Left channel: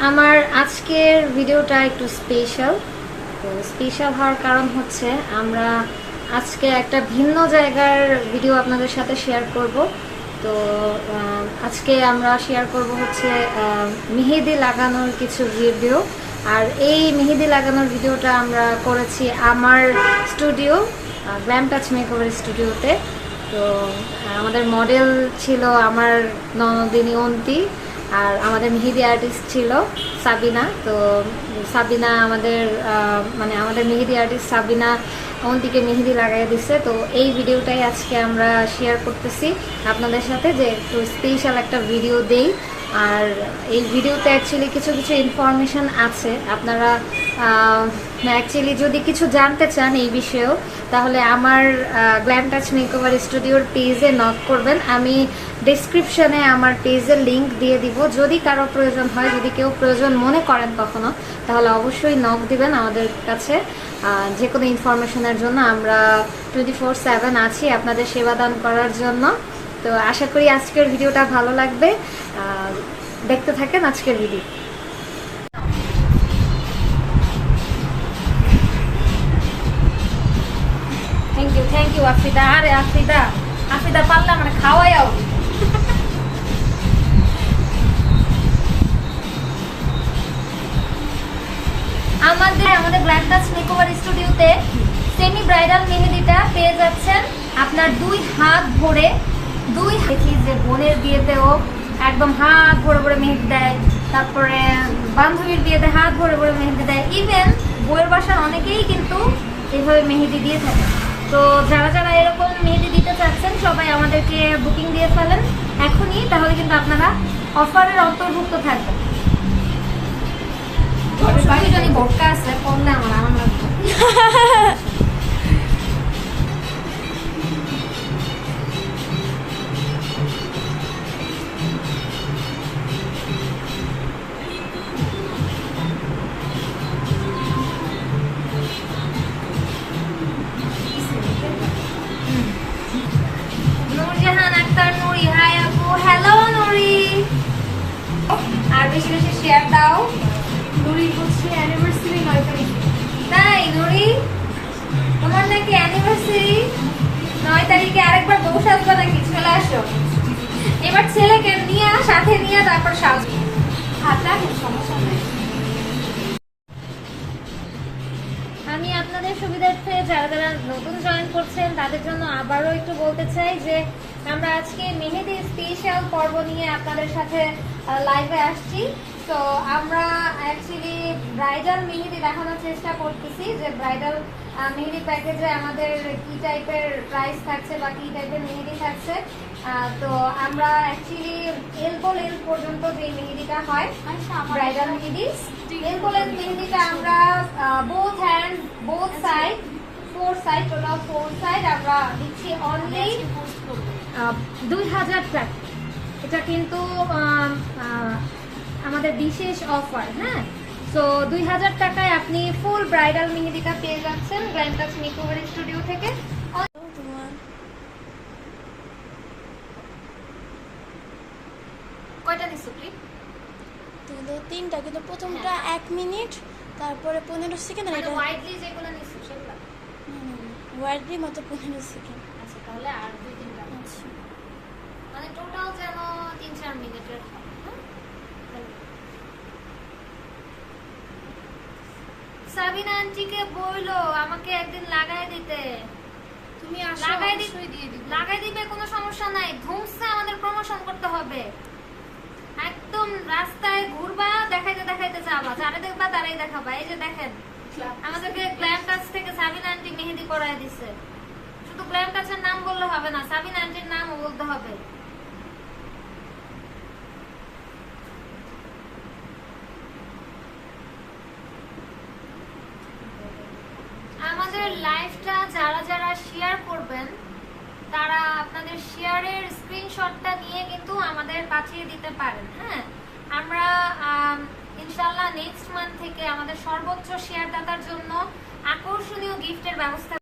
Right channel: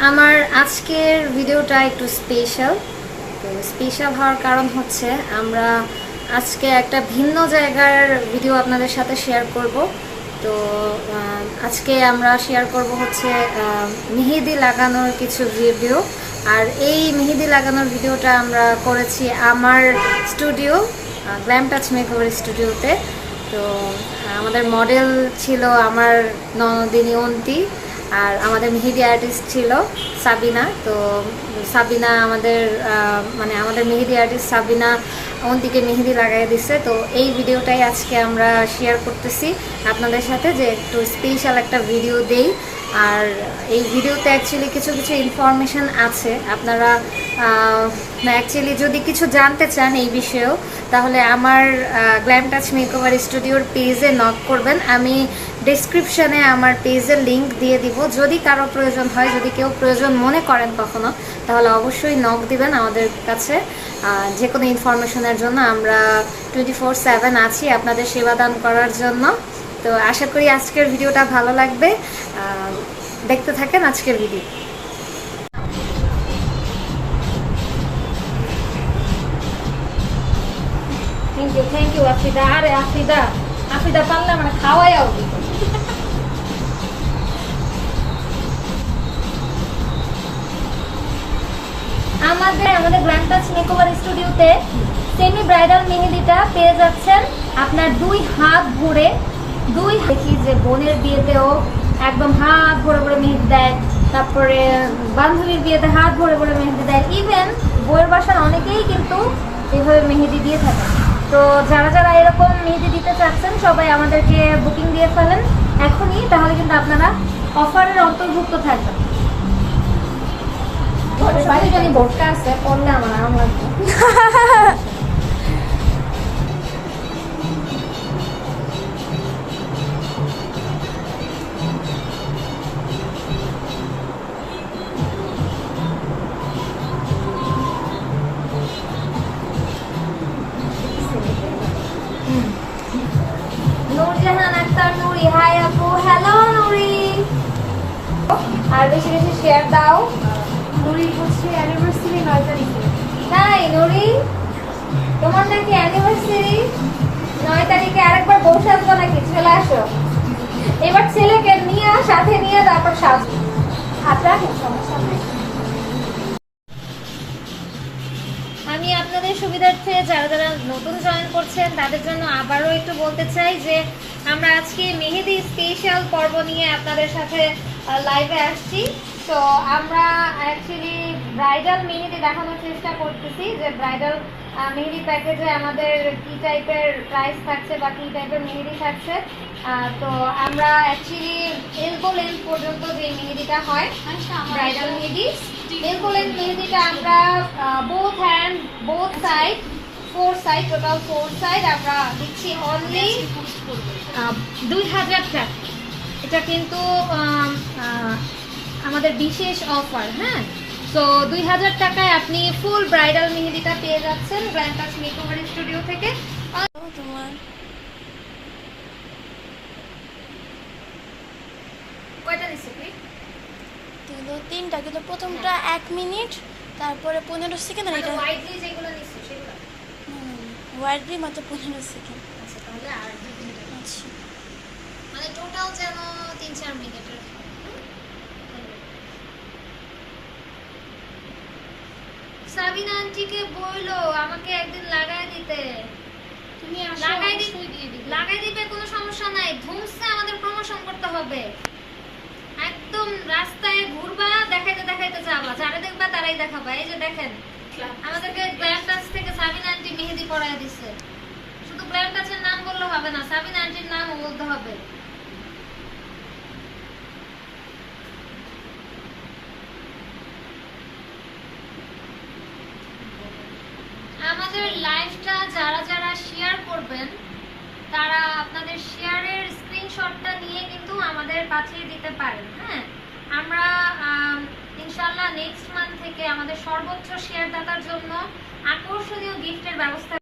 আমার আজকের ভিডিওটা একটু স্পেশাল তো স্পেশাল হওয়ার কারণ হচ্ছে আমরা আজকে একটা ভিন্ন জায়গার ভিডিও আপনাদের সাথে শেয়ার করব। তো আজকে আমরা শেয়ার করব হচ্ছে মেহেদি লাগানোর কিছু ভিডিও আর এই মেহেদি লাগানোর ভিডিওটা আমরা করেছি আমার স্টুডিও গ্ল্যাম টাচ মেকওভার স্টুডিওতে তো, আমাদের মডেল ছিল আমার ননদিনী অন্তি। আর আমাদের মেহেদি আর্টিস্ট ছিল সাবিনা, তো সাবিনা আমাদের মানে আমাদের মেহেদি আর্টিস্ট সাবিনা অন্তিকে মেহেদি লাগাই দিছে। তো এই ভিডিওটাই আজকে আমরা শেয়ার করতেছি। আপনাদের সাথে যে একটু স্পেশাল একটা ভিডিও দেই। আর এই ভিডিওতে অ্যাকচুয়ালি কিছু কিছু ইনফরমেশন আছে। আপনারা অ্যাকচুয়ালি যদি কিছু জানতে চান এই বিষয়েও, তাহলে আমার গ্ল্যাম টাচ মেকওভার স্টুডিওর পেজে নক করবেন। আমি ডিসক্রিপশনে আমার পেজের লিংক দিয়ে দিব। যদি কারও প্রয়োজন হয়, যদি কেউ প্রয়োজন মনে করেন কখনো, তাহলে অবশ্যই নক দিবেন আমাদের কাছে। যে কোনো ইনফরমেশনের জন্য আমরা টোয়েন্টি ফোর সেভেন আছি আপনাদের সেবা দান করার জন্য। তো আশা করি আজকের ভিডিওটা ভালো লাগবে। দেখতে থাকেন আজকের video thank you thank you আরে আফিদা মানে খাওয়াই আমাদের স্টুডিওতে ব্রাইডাল পেয়ে যাচ্ছেন। আপনার দুই হাত ভরে, দুই দেখি যে বোনের বিয়েতেও একদম হাত ভরে ভরে মেহেদি দেয় তারপরে বান্ধবীর বিয়েতে হাত ভরে ভরে মেহেদি দেয়। ইভেন বইয়ের বাসার অনেকেই কিন্তু এভাবে মেহেদি দিয়ে থাকে। তো যারা যারা এরকম মেহেদি দিতে চাচ্ছেন সবাই আমাদেরকে বুকিং দিয়ে ফেলেন এখনই তাহলে কিন্তু আপনারা অফারের অন্তর্ভুক্ত থাকবেন। বাড়ি যদি ভোটটা আছে পড়লে আমার আমার আর বেশি বেশি শেয়ার দাও। নুরি হচ্ছে অ্যানিভার্সারি নয় তারিখে হাই নুরি, তোমার নাকি অ্যানিভার্সারি নয় তারিখে আরেকবার বউ সাজবা নাকি? চলে আসো। এবার ছেলেকে নিয়ে সাথে নিয়ে তারপর সাজ। হাতে সমস্যা নেই। আমি আপনাদের সুবিধার্থে যারা যারা নতুন জয়েন করছেন, তাদের জন্য আবারও একটু বলতে চাই যে, আমরা আজকে মেহেদি স্পেশাল পর্ব নিয়ে আপনাদের সাথে লাইভে আসছি। তো আমরা অ্যাকচুয়ালি ব্রাইডাল মেহেদি দেখানোর চেষ্টা করতেছি যে ব্রাইডাল মেহেদি প্যাকেজে আমাদের কি টাইপের প্রাইস থাকছে বা কী টাইপের মেহেদি থাকছে। তো আমরা অ্যাকচুয়ালি এলবো লেন্থ পর্যন্ত যে মেহেদিটা হয় ব্রাইডাল মেহেদি এলবো লেন্থ মেহেদিটা আমরা both hand both side four side total four side আমরা দিচ্ছি অনলি দুই হাজার টাকা এটা কিন্তু আমাদের বিশেষ অফার হ্যাঁ? তো দুই হাজার টাকায় আপনি ফুল ব্রাইডাল মেহেদিটা পেয়ে যাচ্ছেন গ্র্যান্ড টাচ মেকওভার স্টুডিও থেকে। তোমার কয়টা কিন্তু তিনটা কিন্তু প্রথমটা এক মিনিট তারপরে পনেরো সেকেন্ড আর এটা হোয়াইটলি মাত্র পনেরো সেকেন্ড আচ্ছা। টোটাল যেন তিন চার মিনিটের? সাবিনা আন্টিকে বইলো আমাকে একদিন লাগাই দিতে। তুমি আসো লাগাই দিয়ে দিবে। লাগাই দিবে কোনো সমস্যা নাই। ধুমসে আমাদের প্রমোশন করতে হবে। একদম রাস্তায় ঘুরবা দেখাইতে দেখাইতে যাবা। যারা দেখবা তারাই দেখাবা। এই যে দেখেন আমাদেরকে গ্ল্যাম টাচ থেকে সাবিনা আন্টি মেহেদি পরাই দিছে। শুধু নাম বললে হবে না সাবিনা আন্টির নামও বলতে হবে। আমাদের লাইভটা যারা যারা শেয়ার করবেন তারা আপনাদের শেয়ারের স্ক্রিনশটটা নিয়ে কিন্তু আমাদের পাঠিয়ে দিতে পারেন হ্যাঁ? আমরা আম, ইনশাল্লাহ নেক্সট মান্থ থেকে আমাদের সর্বোচ্চ শেয়ারদাতার জন্য আকর্ষণীয় গিফটের ব্যবস্থা